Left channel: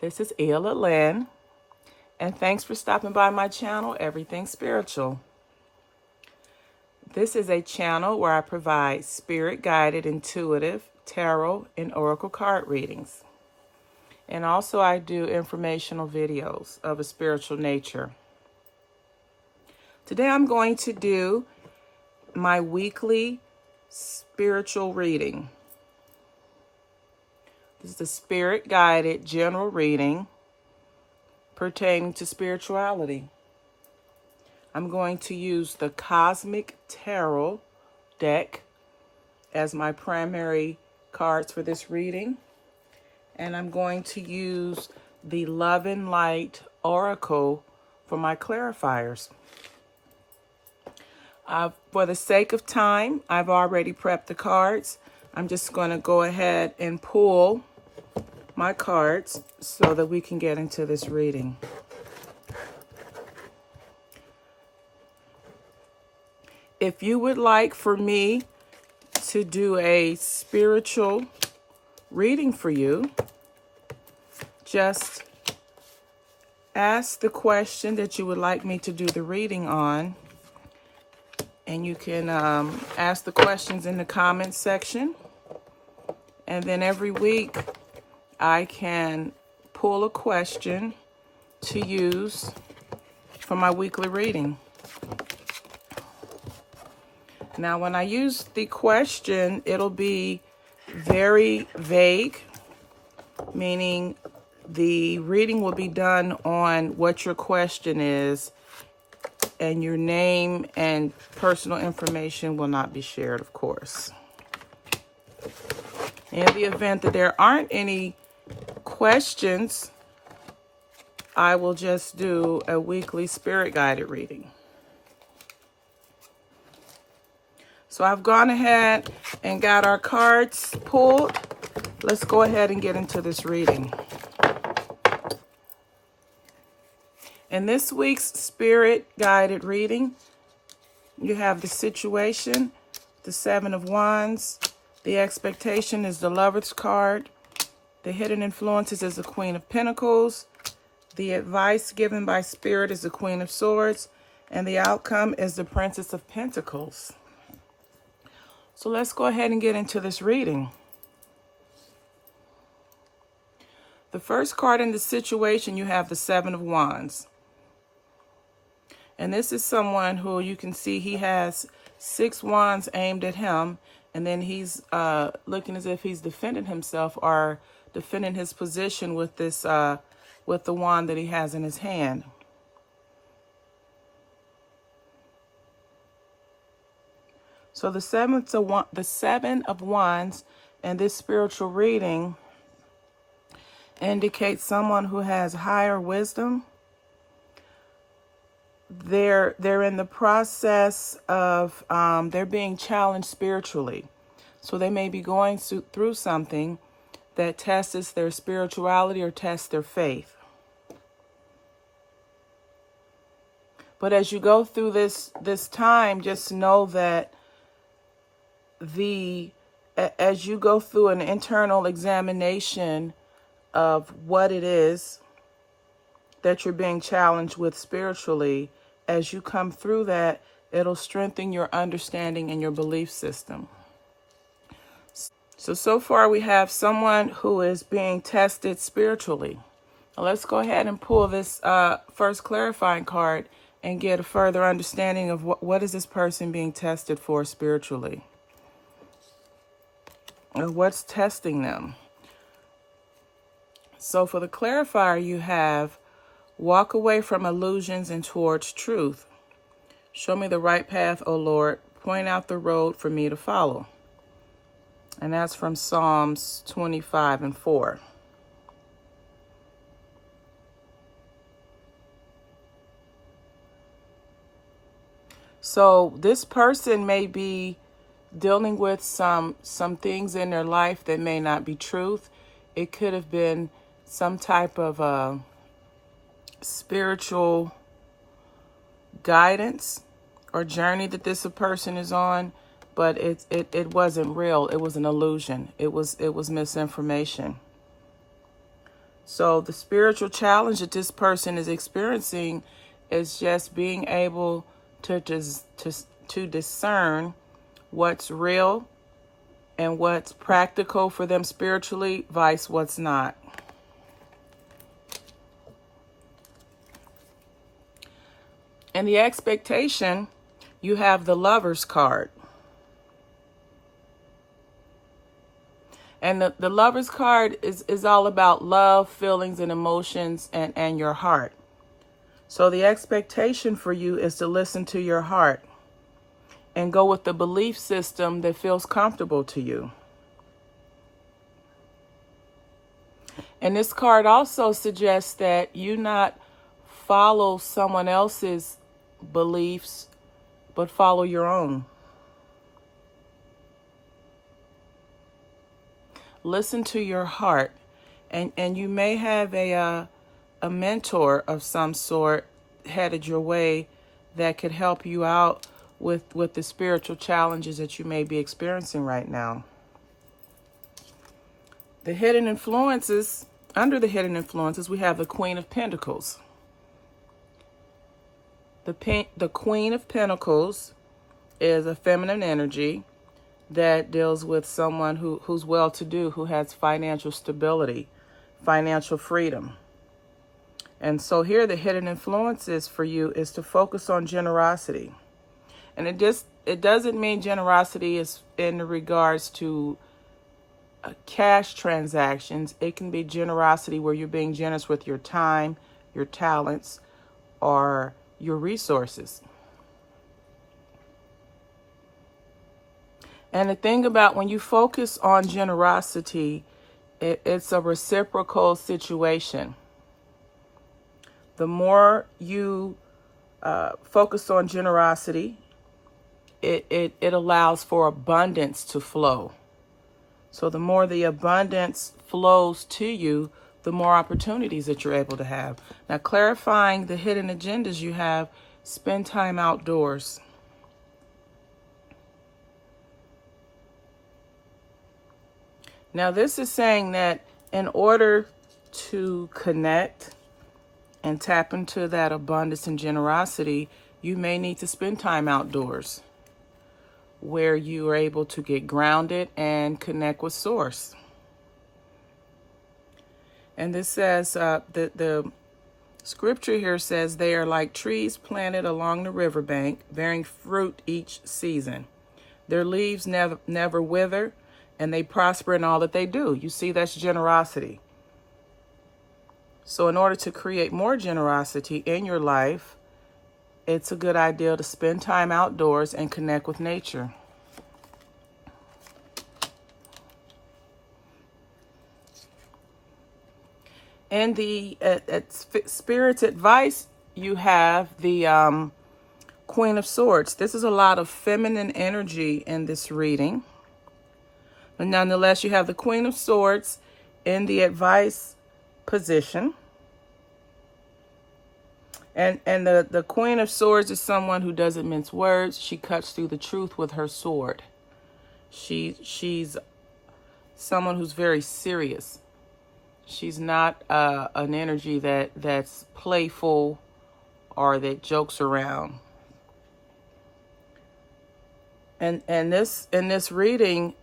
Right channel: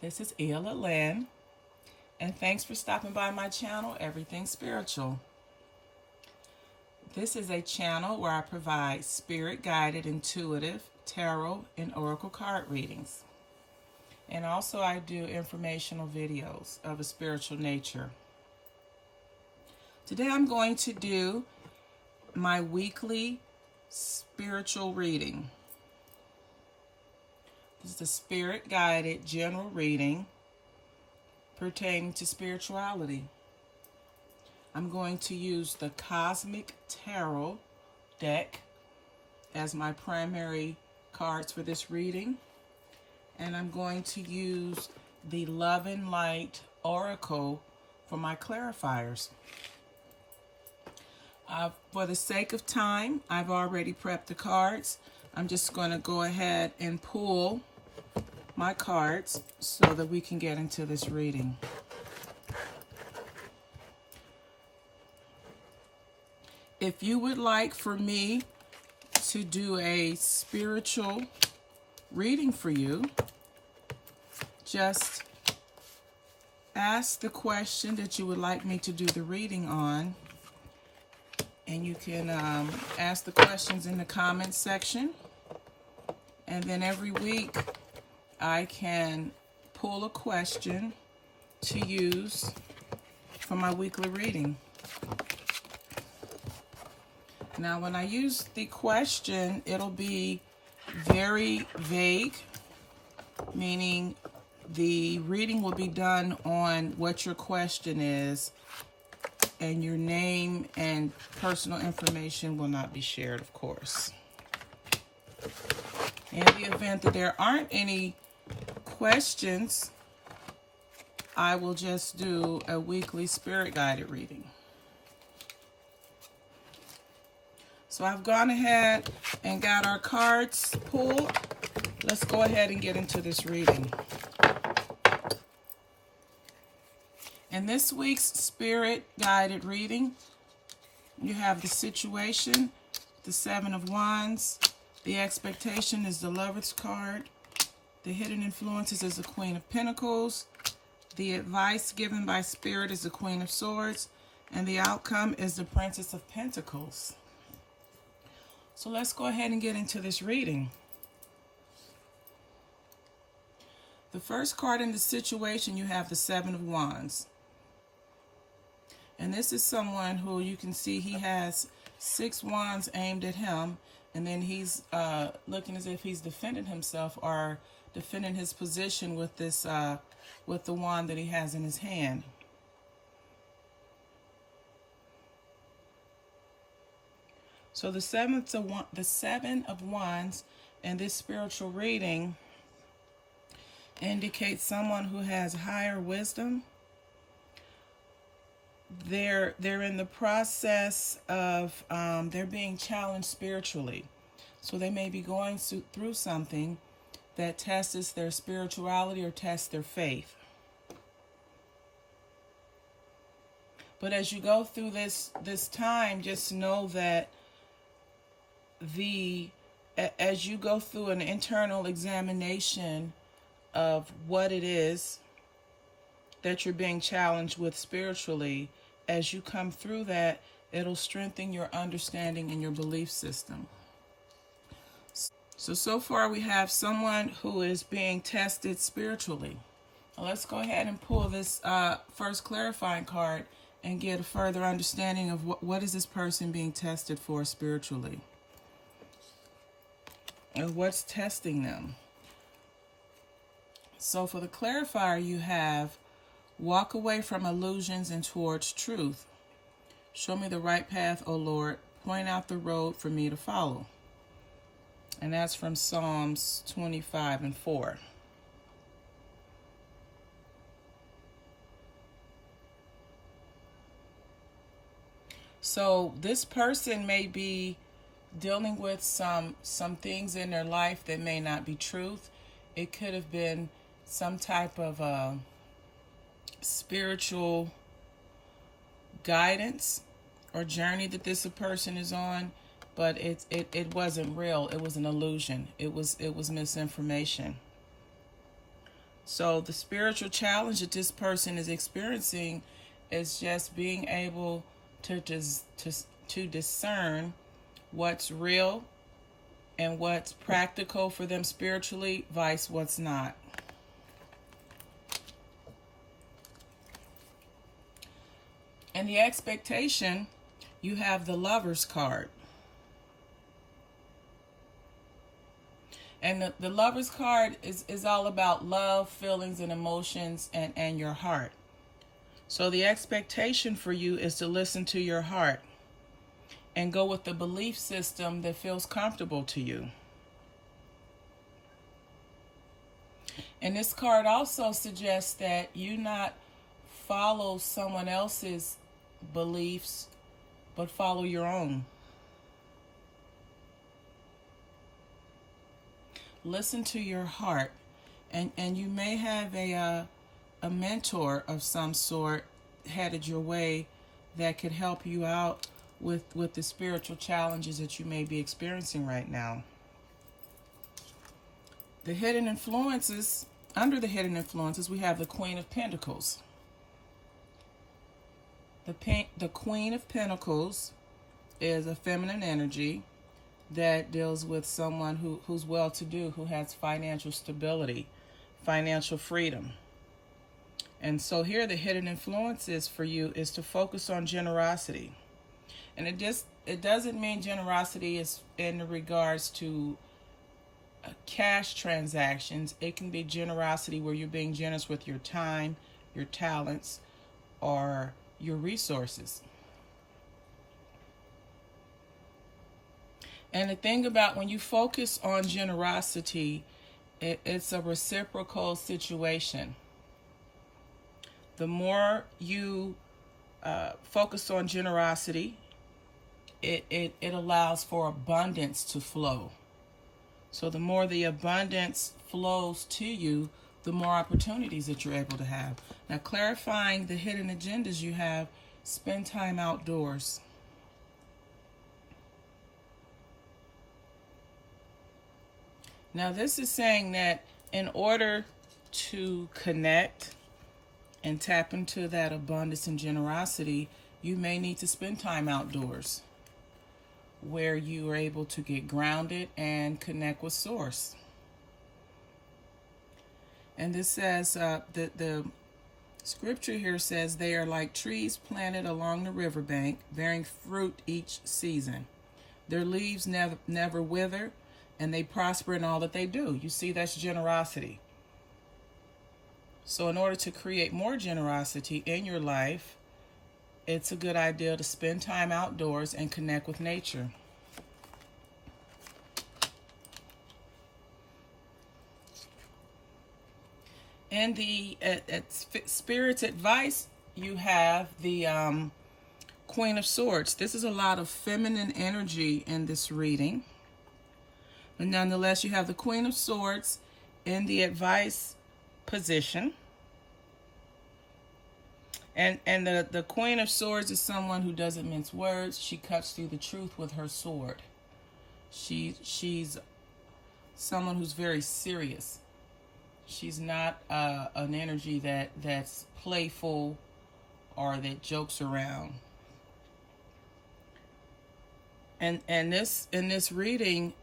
This is Ella Lynn, and thanks for stopping by my channel, Everything Spiritual. This is a channel where I provide spirit-guided, intuitive, tarot, and oracle card readings. And also I do informational videos of a spiritual nature. Today I'm going to do my weekly spiritual reading. This is a spirit-guided general reading pertaining to spirituality. I'm going to use the Cosmic Tarot deck as my primary cards for this reading. And I'm going to use the Love and Light Oracle for my clarifiers. For the sake of time, I've already prepped the cards. I'm just going to go ahead and pull my cards so that we can get into this reading. If you would like for me to do a spiritual reading for you, just ask the question that you would like me to do the reading on. And you can ask the questions in the comments section. And then every week I can pull a question to use for my weekly reading. Now, when I use the question, it'll be very vague, meaning the reading will be done on what your question is, and your name and personal information will not be shared, of course. In the event that there aren't any questions, I will just do a weekly spirit-guided reading. So I've gone ahead and got our cards pulled. Let's go ahead and get into this reading. In this week's spirit-guided reading, you have the situation, the Seven of Wands. The expectation is the Lover's card. The hidden influences is the Queen of Pentacles. The advice given by Spirit is the Queen of Swords. And the outcome is the Princess of Pentacles. So let's go ahead and get into this reading. The first card in the situation, you have the Seven of Wands. And this is someone who you can see he has 6 wands aimed at him. And then he's looking as if he's defending himself or defending his position with this, with the wand that he has in his hand. So the Seven of Wands and this spiritual reading indicates someone who has higher wisdom. They're in the process of they're being challenged spiritually. So they may be going through something that tests their spirituality or tests their faith. But as you go through this time, just know that as you go through an internal examination of what it is that you're being challenged with spiritually, as you come through that, it'll strengthen your understanding and your belief system. So far we have someone who is being tested spiritually. Now let's go ahead and pull this first clarifying card and get a further understanding of what is this person being tested for spiritually. And what's testing them? So for the clarifier, you have walk away from illusions and towards truth. Show me the right path, O Lord. Point out the road for me to follow. And that's from Psalms 25:4. So this person may be dealing with some things in their life that may not be truth. It could have been some type of spiritual guidance or journey that this person is on, but it wasn't real. It was an illusion. It was misinformation. So the spiritual challenge that this person is experiencing is just being able to discern what's real and what's practical for them spiritually, vice what's not. And the expectation, you have the Lover's card. And the Lover's card is all about love, feelings, and emotions, and your heart. So the expectation for you is to listen to your heart and go with the belief system that feels comfortable to you. And this card also suggests that you not follow someone else's beliefs, but follow your own. Listen to your heart, and you may have a mentor of some sort headed your way that could help you out with the spiritual challenges that you may be experiencing right now. The hidden influences, under the hidden influences, we have the Queen of Pentacles. The Queen of Pentacles is a feminine energy that deals with someone who's well-to-do, who has financial stability, financial freedom. And so here the hidden influences for you is to focus on generosity. And it doesn't mean generosity is in regards to cash transactions. It can be generosity where you're being generous with your time, your talents, or your resources. And the thing about when you focus on generosity, it's a reciprocal situation. The more you focus on generosity, it allows for abundance to flow. So the more the abundance flows to you, the more opportunities that you're able to have. Now, clarifying the hidden agendas you have, spend time outdoors. Now, this is saying that in order to connect and tap into that abundance and generosity, you may need to spend time outdoors where you are able to get grounded and connect with Source. And this says, the scripture here says, they are like trees planted along the riverbank, bearing fruit each season. Their leaves never wither, and they prosper in all that they do. You see, that's generosity. So in order to create more generosity in your life, it's a good idea to spend time outdoors and connect with nature. In the Spirit's advice, you have the Queen of Swords. This is a lot of feminine energy in this reading. But nonetheless, you have the Queen of Swords in the advice position. And the Queen of Swords is someone who doesn't mince words. She cuts through the truth with her sword. She's someone who's very serious. She's not an energy that's playful or that jokes around. And in this reading,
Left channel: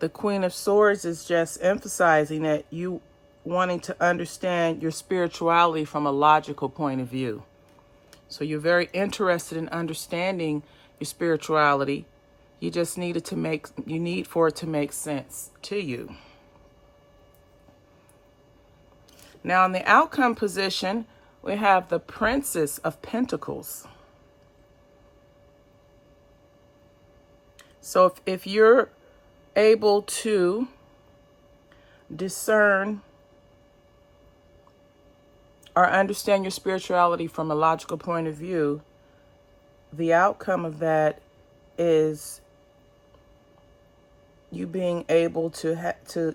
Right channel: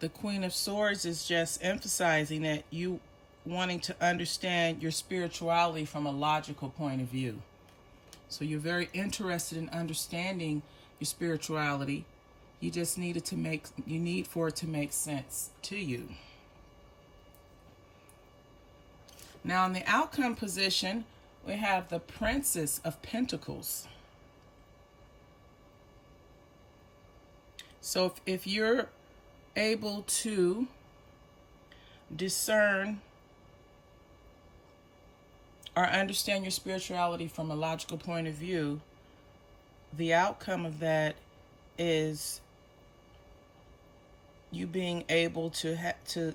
the Queen of Swords is just emphasizing that you wanting to understand your spirituality from a logical point of view. So you're very interested in understanding your spirituality. You just need for it to make sense to you. Now in the outcome position, we have the Princess of Pentacles. So if you're able to discern or understand your spirituality from a logical point of view, the outcome of that is you being able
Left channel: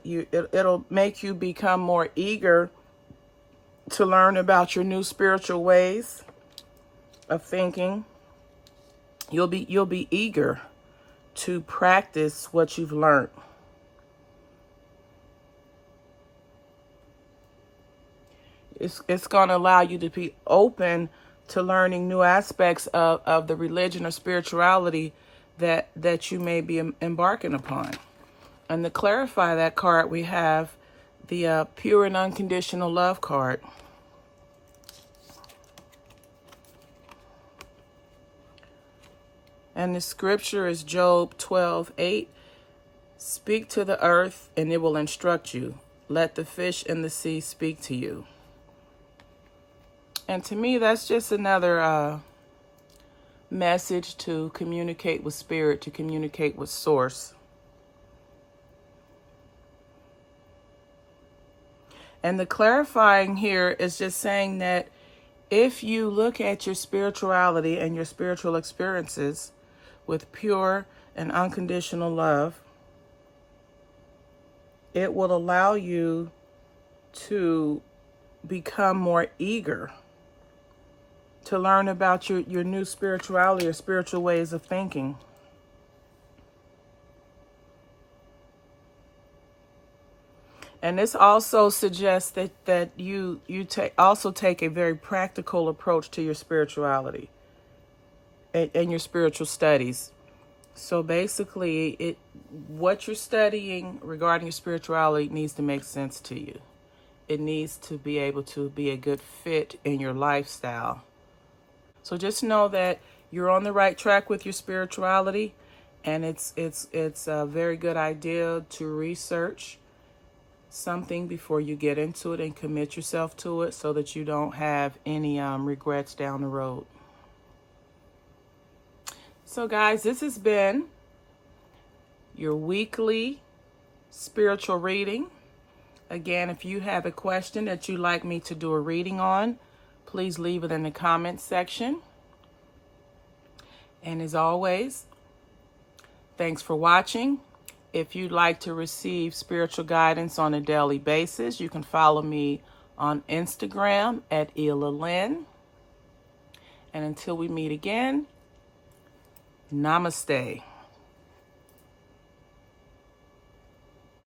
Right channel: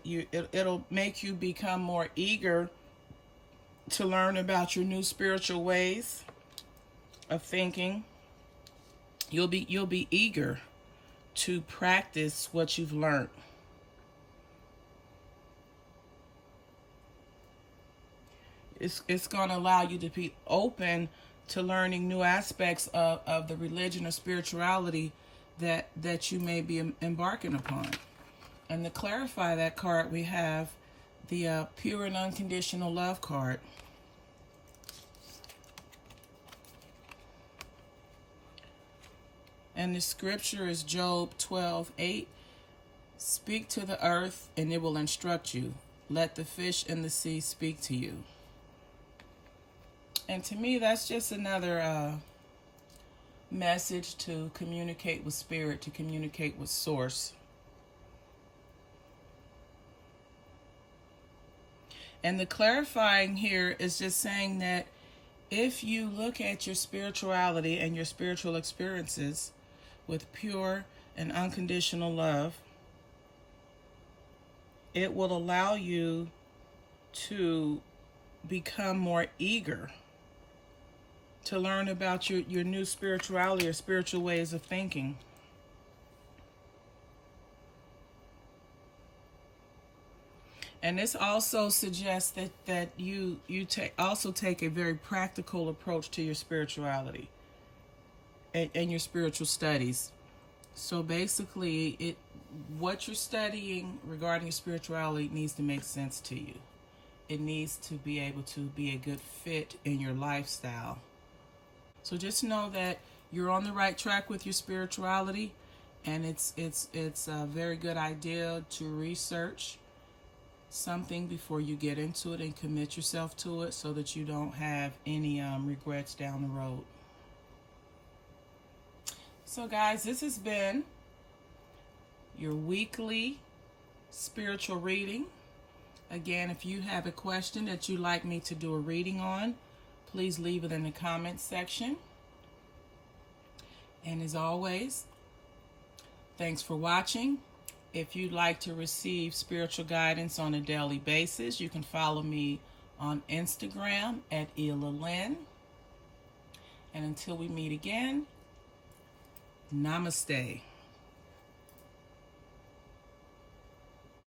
it'll make you become more eager to learn about your new spiritual ways of thinking. You'll be eager to practice what you've learned. It's going to allow you to be open to learning new aspects of the religion or spirituality that you may be embarking upon. And to clarify that card, we have the pure and unconditional love card. And the scripture is Job 12:8. Speak to the earth and it will instruct you. Let the fish in the sea speak to you. And to me, that's just another message to communicate with spirit, to communicate with source. And the clarifying here is just saying that if you look at your spirituality and your spiritual experiences with pure and unconditional love, it will allow you to become more eager to learn about your new spirituality or spiritual ways of thinking. And this also suggests that you also take a very practical approach to your spirituality and your spiritual studies. So basically, what you're studying regarding your spirituality needs to make sense to you. It needs to be able to be a good fit in your lifestyle. So just know that you're on the right track with your spirituality, and it's a very good idea to research something before you get into it and commit yourself to it so that you don't have any regrets down the road. So guys, this has been your weekly spiritual reading. Again, if you have a question that you'd like me to do a reading on, please leave it in the comments section. And as always, thanks for watching. If you'd like to receive spiritual guidance on a daily basis, you can follow me on Instagram at Ela Lynn. And until we meet again, namaste.